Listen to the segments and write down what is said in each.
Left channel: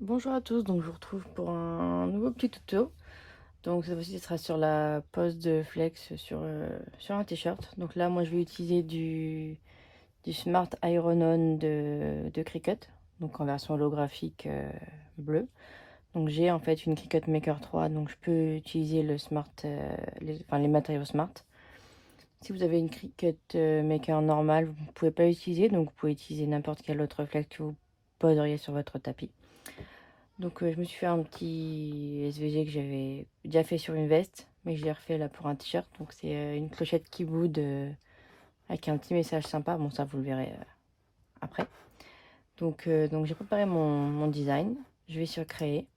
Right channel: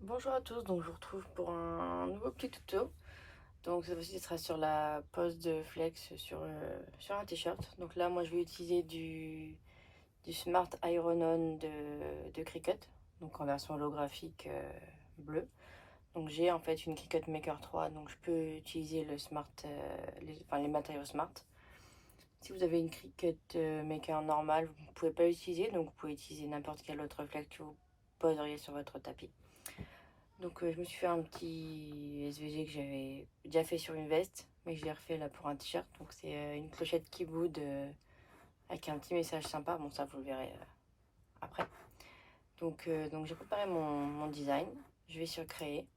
Bonjour à tous, donc je vous retrouve pour un nouveau petit tuto. Donc cette fois-ci ce sera sur la pose de flex sur un t-shirt. Donc là moi je vais utiliser du Smart Iron On de Cricut, donc en version holographique bleue. Donc j'ai en fait une Cricut Maker 3, donc je peux utiliser le Smart, les matériaux Smart. Si vous avez une Cricut Maker normale, vous ne pouvez pas l'utiliser, donc vous pouvez utiliser n'importe quel autre flex que vous poseriez sur votre tapis. Donc je me suis fait un petit SVG que j'avais déjà fait sur une veste, mais je l'ai refait là pour un t-shirt. Donc c'est une clochette qui boude avec un petit message sympa. Bon, ça vous le verrez après. Donc j'ai préparé mon design. Je vais sur créer.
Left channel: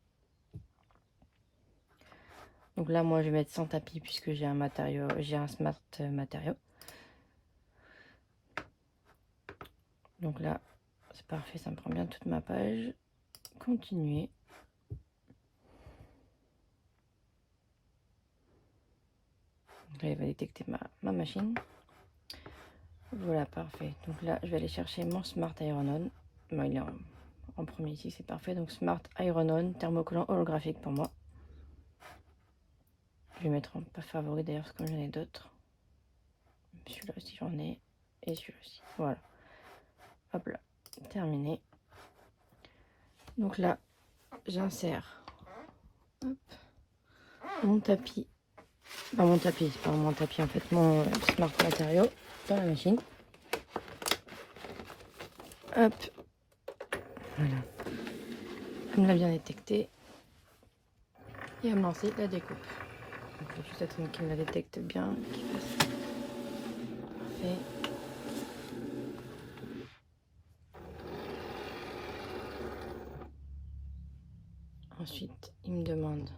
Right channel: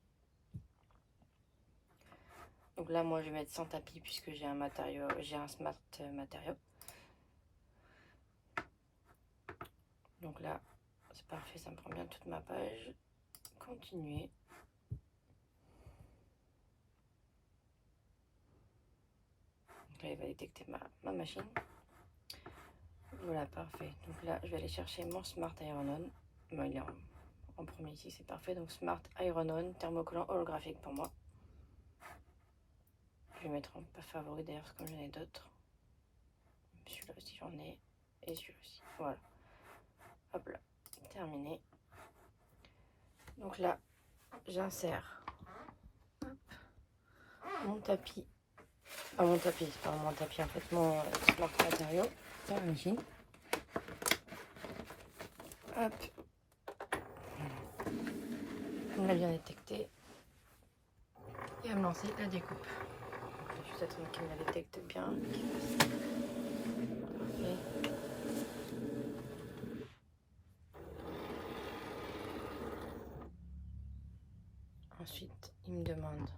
Donc là moi je vais mettre sans tapis puisque j'ai un smart matériau. Donc là c'est parfait, ça me prend bien toute ma page. Continuer. Donc là il va détecter ma machine. Voilà, parfait. Donc là, je vais aller chercher mon Smart Iron On. Bon, il est en premier ici, c'est parfait. Donc Smart Iron On, thermocollant holographique pour moi. Je vais mettre en pas favori d'ailleurs, parce que comme j'en ai d'autres. Celui-là aussi j'en ai. Et celui-là aussi. Voilà. Hop là, terminé. Donc là, j'insère mon tapis. Enfin, mon tapis, c'est pas mon tapis en fait, mon Smart matériau dans la machine. Hop. Voilà. Elle me l'a bien détecté. Et à me lancer la découpe. Je vais juste attendre qu'il me la détecte bien. Ensuite, il me demande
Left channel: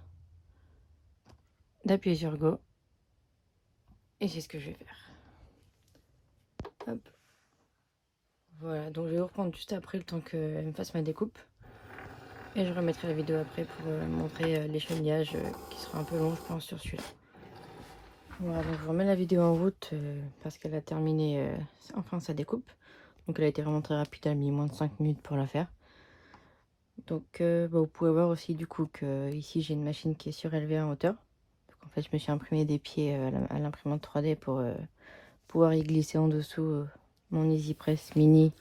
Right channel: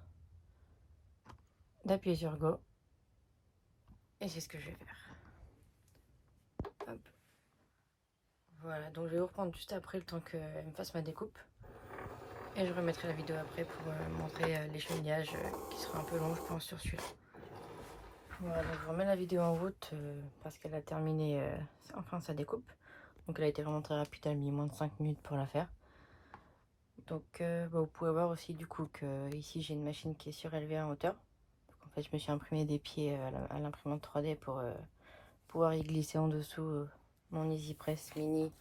d'appuyer sur Go. Et c'est ce que je vais faire. Hop. Voilà, donc je vais reprendre juste après le temps qu'elle me fasse ma découpe. Et je remettrai la vidéo après pour vous montrer l'échantillage qui sera un peu long, je pense, sur celui-là. Voilà, donc je remets la vidéo en route parce qu'elle a terminé enfin sa découpe. Donc elle a été vraiment très rapide, elle a mis moins de 5 minutes pour la faire. Donc vous pouvez voir aussi du coup que ici j'ai une machine qui est surélevée en hauteur. Donc, en fait je me suis imprimé des pieds à l'imprimante 3D pour pouvoir y glisser en dessous mon EasyPress mini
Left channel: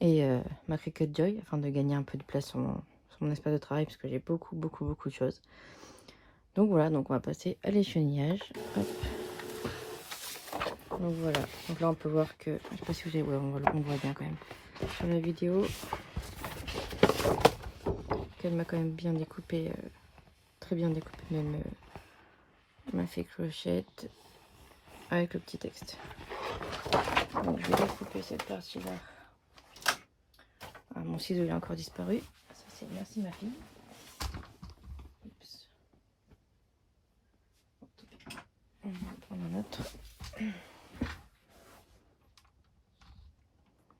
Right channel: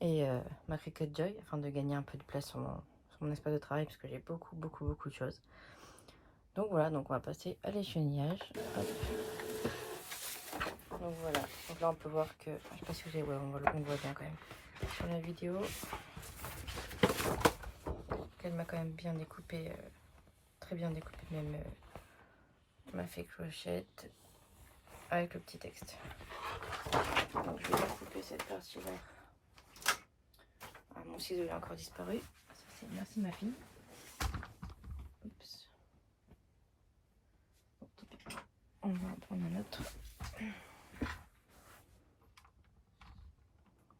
et ma Cricut Joy afin de gagner un peu de place sur mon espace de travail parce que j'ai beaucoup de choses. Donc voilà, donc on va passer à l'échantillage. Donc voilà, donc là on peut voir que, je sais pas si vous avez, ouais, on voit bien quand même sur la vidéo qu'elle m'a quand même bien découpé, très bien découpé même ma fait clochette avec le petit texte. Donc je vais découper cette partie-là. Ah, mon ciseau il a encore disparu. Ça c'est merci ma fille. Oups. On va en prendre un autre.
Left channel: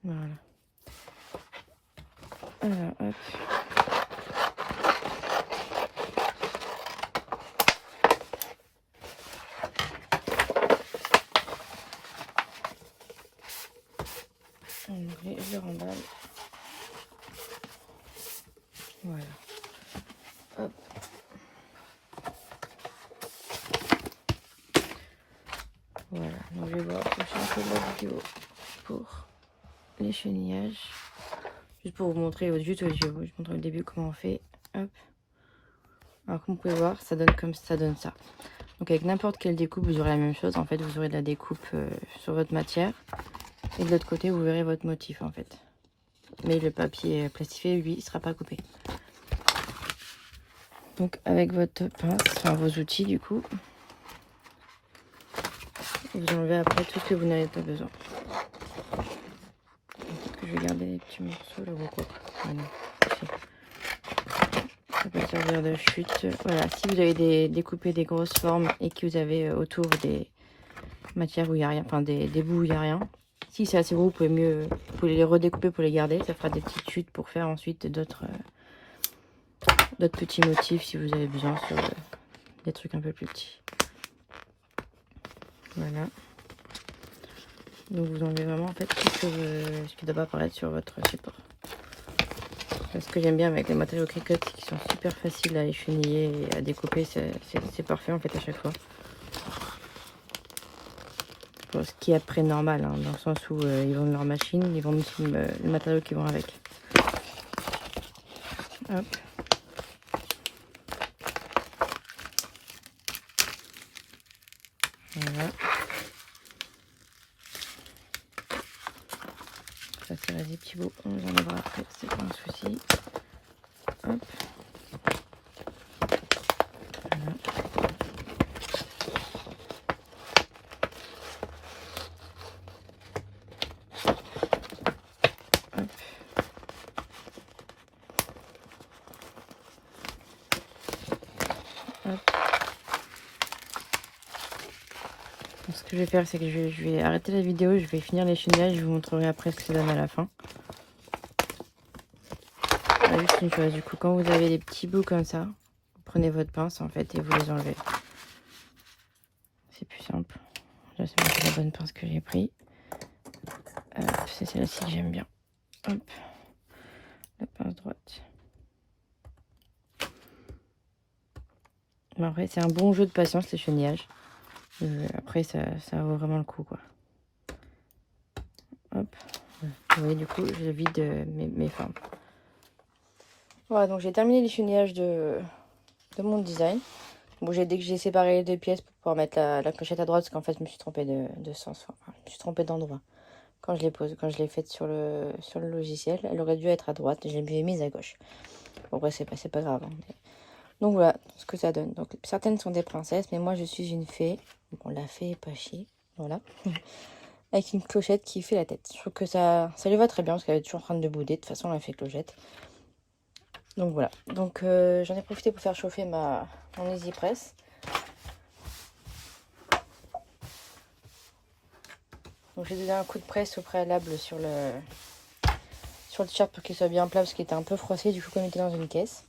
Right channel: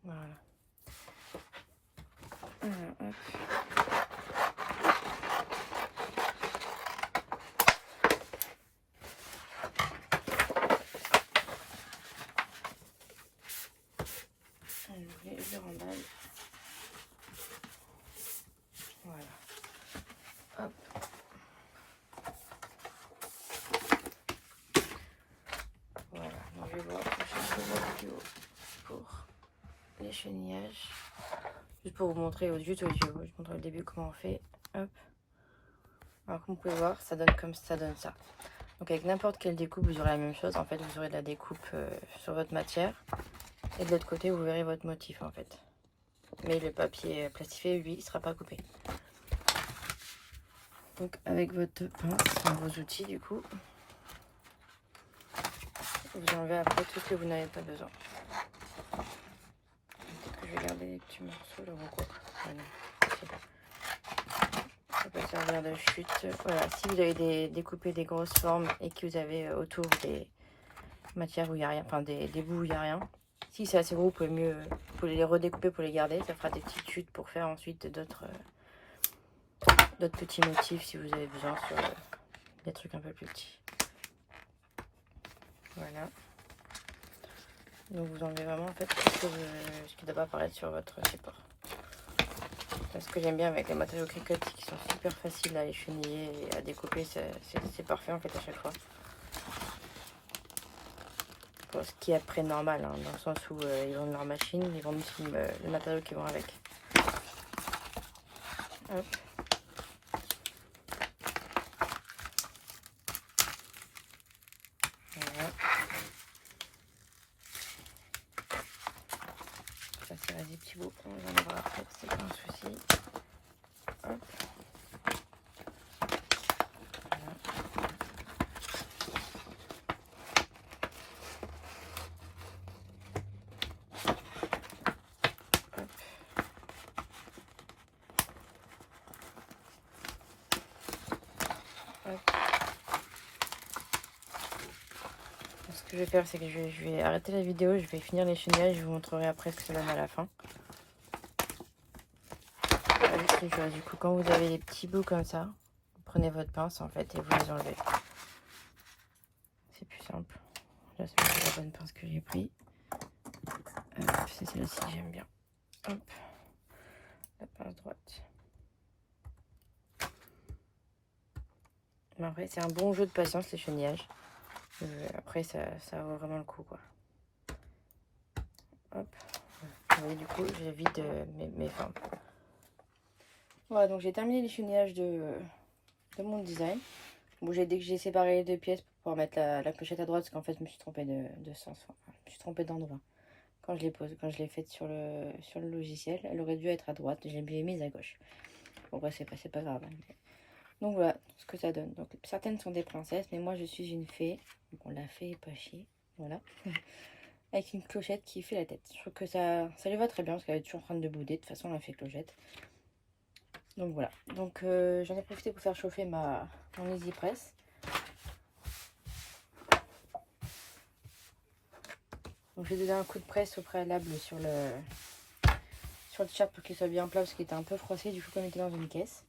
Voilà. Alors hop. Alors, je remballe. Voilà. Hop. Voilà. Donc je vais voir la prochaine vidéo pour l'échenillage. Juste pour vous montrer, juste je vous montrer au début comment on fait. Hop. Alors comme vous pouvez voir, ça donne comme ça donne ça. Donc avec n'importe quelle découpe, vous aurez la même chose. En fait, vous aurez de la découpe sur votre matière. Et de l'autre côté, vous verrez votre motif en fait. Mais le papier plastifié, lui, il ne sera pas coupé. Donc avec votre pince, enfin vos outils du coup, vous enlevez après tout ce que vous n'avez pas besoin. Je vais garder les petits morceaux là. Ça peut servir de chute. Voilà, si vous avez découpé des grosses formes et que vous avez autour des matières où il n'y a rien, enfin des bouts où il n'y a rien. Si c'est assez gros, vous pouvez les redécouper pour les garder. Ça fera des petites chutes pour faire ensuite d'autres petits motifs si vous avez besoin sur des trucs un peu plus petits. Voilà. Donc vous enlevez vraiment en fait tout ce qui ne doit pas apparaître sur votre support. Ce que j'aime bien avec les matériaux Cricut, c'est qu'ils sont super faciles à écheniller et à découper. C'est parfait en fait à chaque fois. Bon, ce qui est après normal, hein, dans le sens où ils vendent leur machine, ils vendent aussi le matériau qui vont avec. Hop. Voilà. Ça reste des petits bouts, on les enlèvera après, c'est pas un souci. Hop. Ce que je vais faire, c'est que je vais arrêter la vidéo, je vais finir l'écheniage, je vous montrerai après ce que ça donne à la fin. Juste une chose, du coup, quand vous avez des petits bouts comme ça, vous prenez votre pince en fait et vous les enlevez. C'est plus simple. Là, c'est la bonne pince que j'ai pris. C'est celle-ci que j'aime bien. Hop. La pince droite. Bon, après, c'est un bon jeu de patience, l'écheniage. Après, ça vaut vraiment le coup, quoi. Hop. Vous voyez, du coup, je vide mes fins. Voilà, donc j'ai terminé l'écheniage de mon design. Bon, dès que j'ai séparé les deux pièces pour pouvoir mettre la clochette à droite, parce qu'en fait, je me suis trompée de sens. Enfin, je me suis trompée d'endroit. Quand je l'ai faite sur le logiciel, elle aurait dû être à droite. Je l'ai mise à gauche. Bon, après, c'est pas grave. Hein, mais... Donc voilà ce que ça donne. Donc certaines sont des princesses, mais moi je suis une fée. Bon, la fée est pas chier. Voilà. Avec une clochette qui fait la tête. Je trouve que ça lui va très bien parce qu'elle est toujours en train de bouder. De toute façon, elle fait clochette. Donc voilà. Donc j'en ai profité pour faire chauffer mon Easy Press. Donc j'ai donné un coup de presse au préalable sur le t-shirt pour qu'il soit bien plat parce qu'il était un peu froissé. Du coup, comme il était dans une caisse.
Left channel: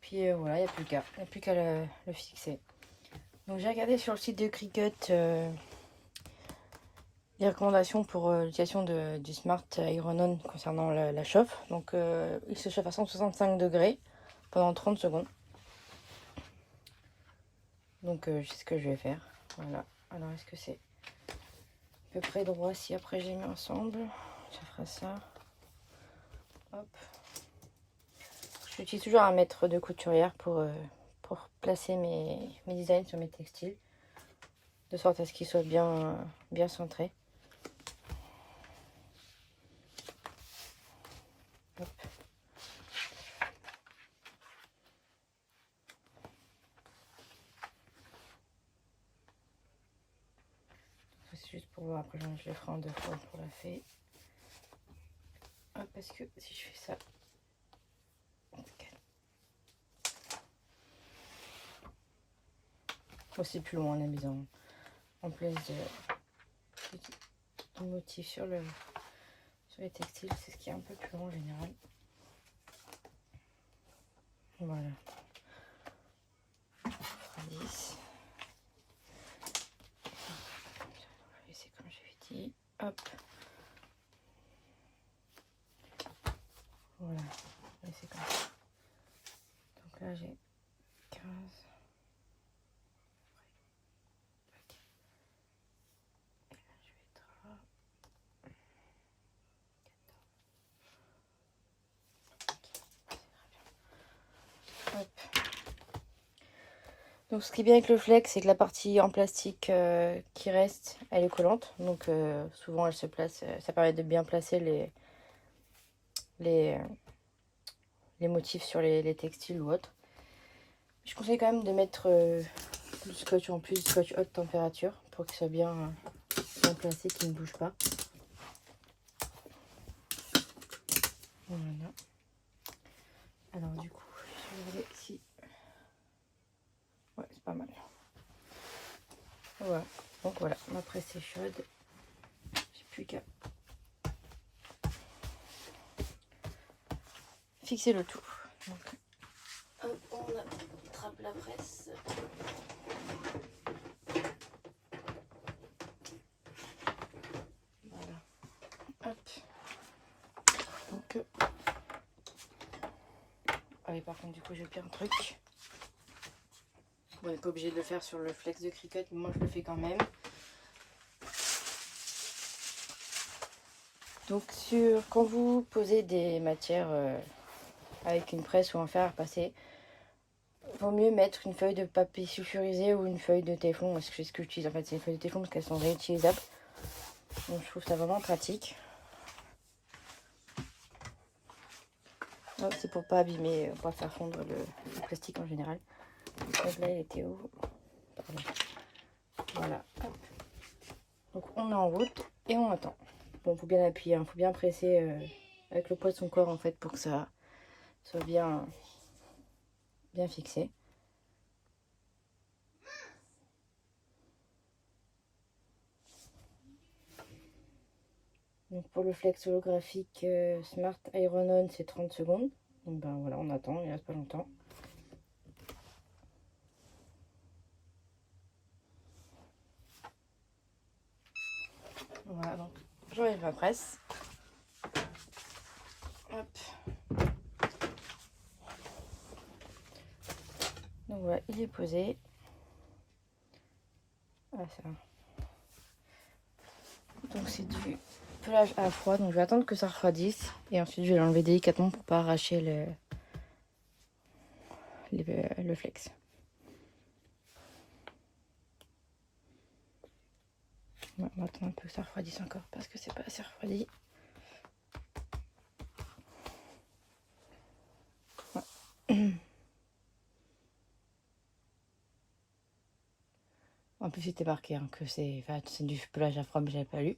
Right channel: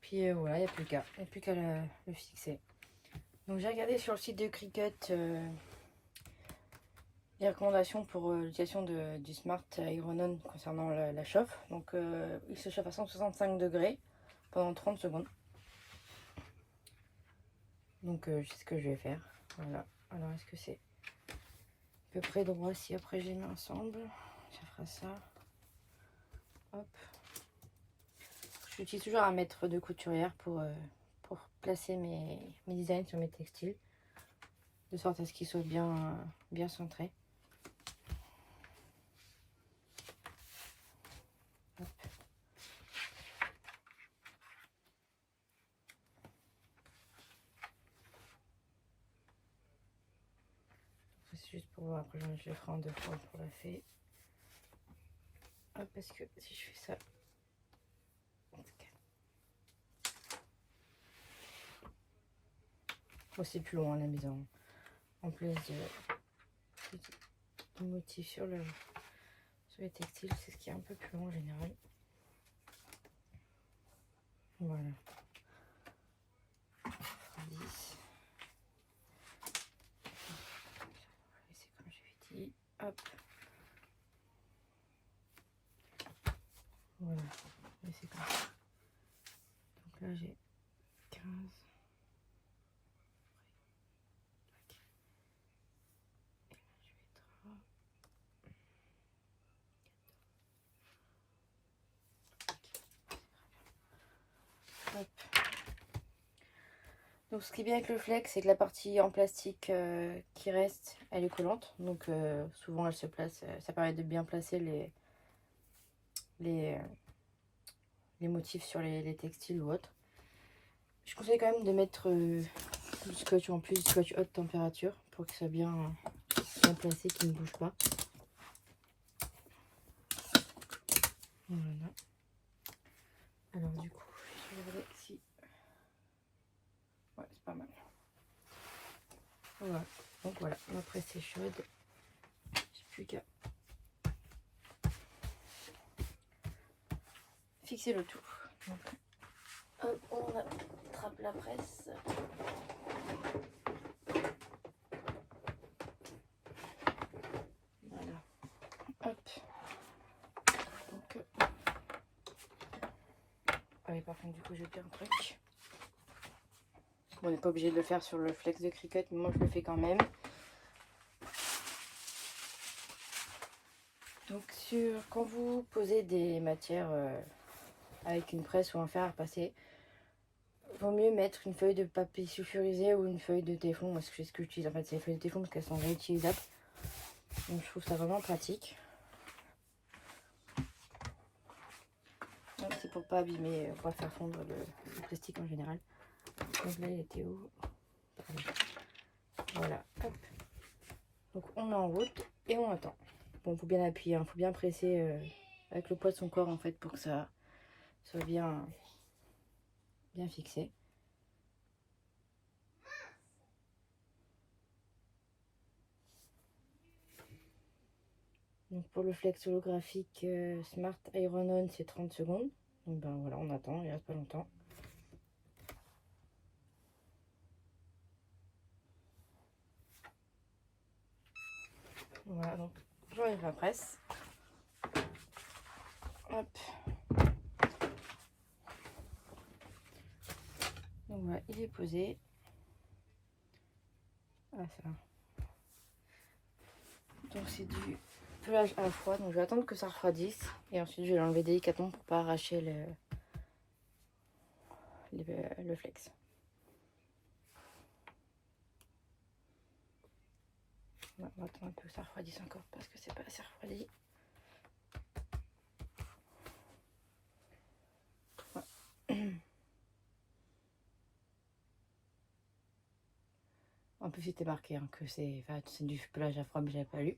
Puis voilà, il n'y a plus qu'à. Il n'y a plus qu'à le fixer. Donc j'ai regardé sur le site de Cricut les recommandations pour l'utilisation du Smart Iron On concernant la chauffe. Donc il se chauffe à 165 degrés pendant 30 secondes. Donc je sais ce que je vais faire. Voilà. Alors est-ce que c'est à peu près droit si après j'ai mis ensemble? Ça fera ça. Hop. J'utilise toujours un mètre de couturière pour placer mes designs sur mes textiles. De sorte à ce qu'ils soient bien centrés. Hop. C'est juste pour voir, après je le ferai en deux fois pour la fée. Hop, parce que si je fais ça, oh, c'est plus loin la mise en place de motifs sur les textiles, c'est ce qui est un peu plus long en général. Voilà. 10. C'est comme je l'ai dit. Hop. Voilà. C'est comme ça. Donc là j'ai 15. Hop. Donc ce qui est bien avec le flex, c'est que la partie en plastique qui reste, elle est collante. Donc souvent elle se place, ça permet de bien placer les motifs sur les textiles ou autres. Je conseille quand même de mettre du scotch en plus, du scotch haute température pour qu'il soit bien placé, qu'il ne bouge pas. Voilà. Alors du coup, je vais regarder si... Ouais, c'est pas mal. Voilà. Donc voilà, ma presse est chaude. J'ai plus qu'à fixer le tout. Donc, hop, on attrape la presse. Voilà. Hop. Donc, Ah oui, par contre, du coup, j'ai pris un truc. Bon, on n'est pas obligé de le faire sur le flex de Cricut, mais moi, je le fais quand même. Donc, quand vous posez des matières avec une presse ou un fer à repasser, vaut mieux mettre une feuille de papier sulfurisé ou une feuille de téflon. C'est ce que j'utilise en fait, c'est les feuilles de téflon parce qu'elles sont réutilisables. Donc, je trouve ça vraiment pratique. C'est pour pas abîmer, pour pas faire fondre le plastique en général. Donc là, il était où? Pardon. Voilà, hop. Donc on est en route et on attend. Bon, faut bien appuyer, faut bien presser avec le poids de son corps en fait pour que ça soit bien fixé. Donc pour le flex holographique Smart Iron On, c'est 30 secondes. Donc ben voilà, on attend, il reste pas longtemps. Voilà, donc j'enlève ma presse. Hop. Donc voilà, il est posé. Ah, ça. Donc c'est du pelage à froid, donc je vais attendre que ça refroidisse et ensuite je vais l'enlever délicatement pour pas arracher le flex. On va attendre un peu que ça refroidisse encore parce que c'est pas assez refroidi. En plus c'était marqué hein, que c'est du pelage à froid, mais j'avais pas lu.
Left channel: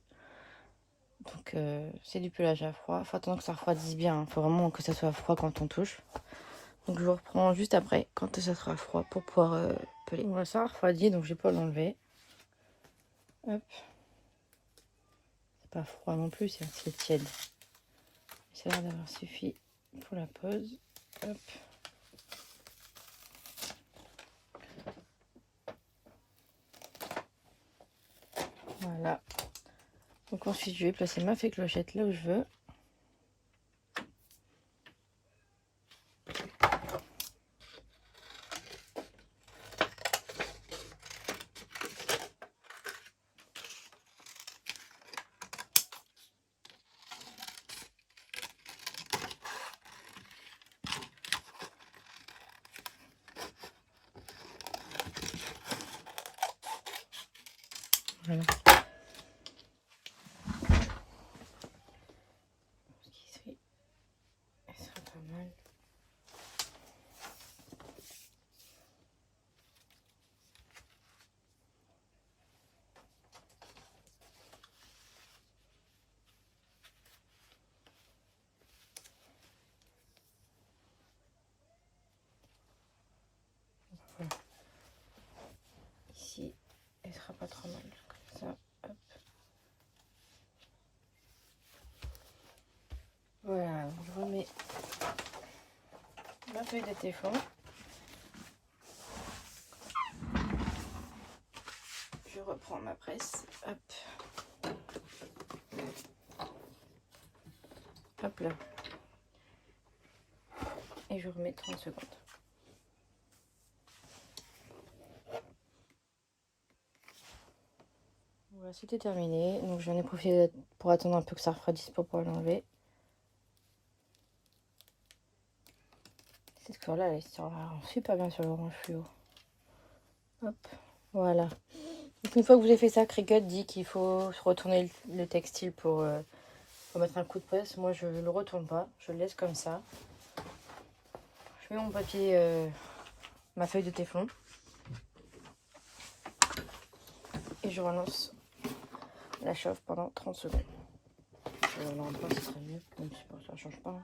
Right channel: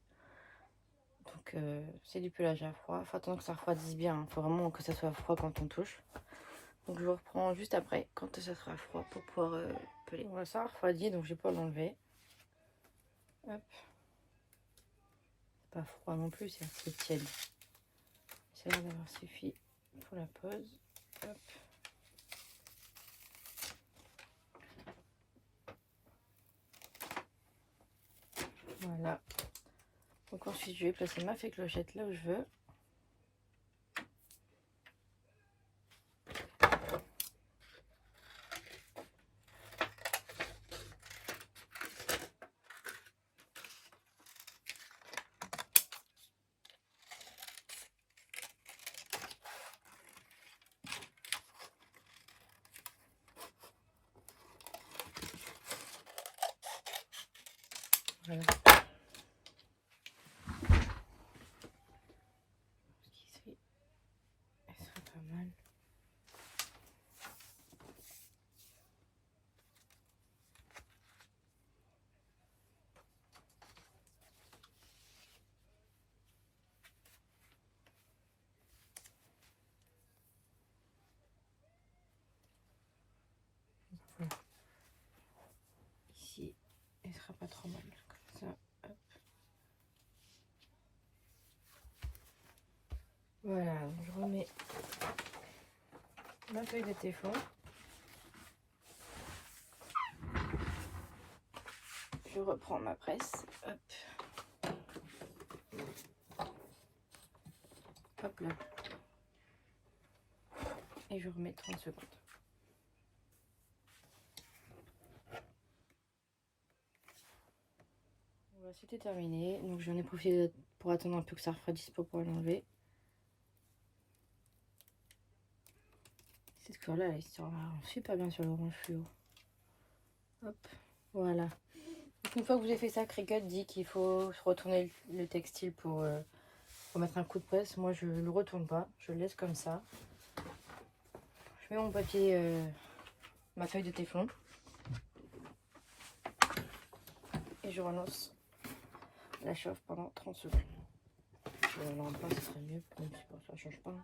Donc c'est du pelage à froid. Faut attendre que ça refroidisse bien. Faut vraiment que ça soit froid quand on touche. Donc je vous reprends juste après quand ça sera froid pour pouvoir peler. Voilà, ça a refroidi donc je vais pas l'enlever. Hop. C'est pas froid non plus, c'est tiède. Ça a l'air d'avoir suffi pour la pause. Hop. Voilà. Donc ensuite je vais placer ma fée clochette là où je veux. Voilà. Ce qui serait pas mal. Voilà. Ici, elle sera pas trop mal. Comme ça, hop. Voilà, donc je remets ma feuille de téflon. Je reprends ma presse. Hop. Hop là. Et je remets 30 secondes. Voilà, c'était terminé. Donc j'en ai profité pour attendre un peu que ça refroidisse pour pouvoir l'enlever. Cette couleur-là, elle sort super bien sur l'orange fluo. Hop, voilà. Donc, une fois que vous avez fait ça, Cricut dit qu'il faut retourner le textile pour mettre un coup de presse. Moi, je ne le retourne pas. Je le laisse comme ça. Je mets mon papier, ma feuille de téflon. Et je relance la chauffe pendant 30 secondes. Là, en bas, ce serait mieux, même si ça ne change pas.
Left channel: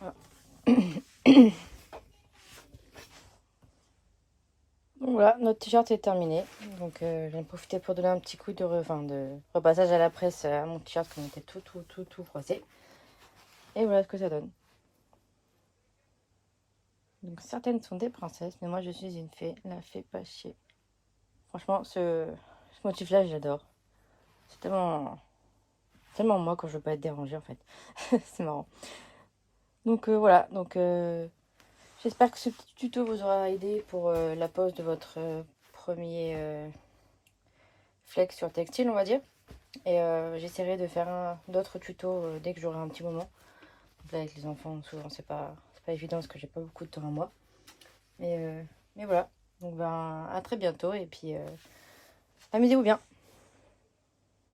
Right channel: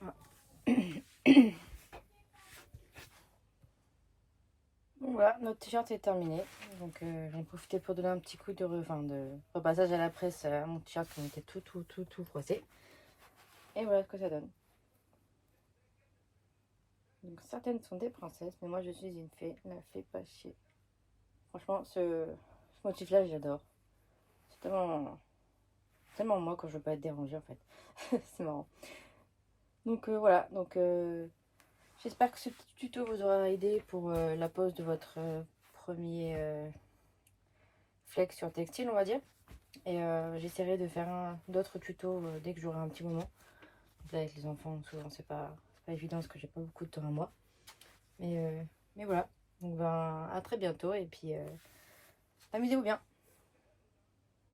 Voilà. Donc voilà, notre t-shirt est terminé. Donc j'en ai profité pour donner un petit coup de repassage à la presse à mon t-shirt qui était tout froissé. Et voilà ce que ça donne. Donc certaines sont des princesses, mais moi je suis une fée, la fée pas chier. Franchement, ce motif-là, j'adore. C'est tellement moi quand je veux pas être dérangée en fait. C'est marrant. Donc voilà, donc j'espère que ce petit tuto vous aura aidé pour la pose de votre premier flex sur textile, on va dire. Et j'essaierai de faire d'autres tutos dès que j'aurai un petit moment. Là, avec les enfants, souvent, c'est pas évident parce que j'ai pas beaucoup de temps à moi. Mais voilà. Donc, ben, à très bientôt. Et puis, amusez-vous bien.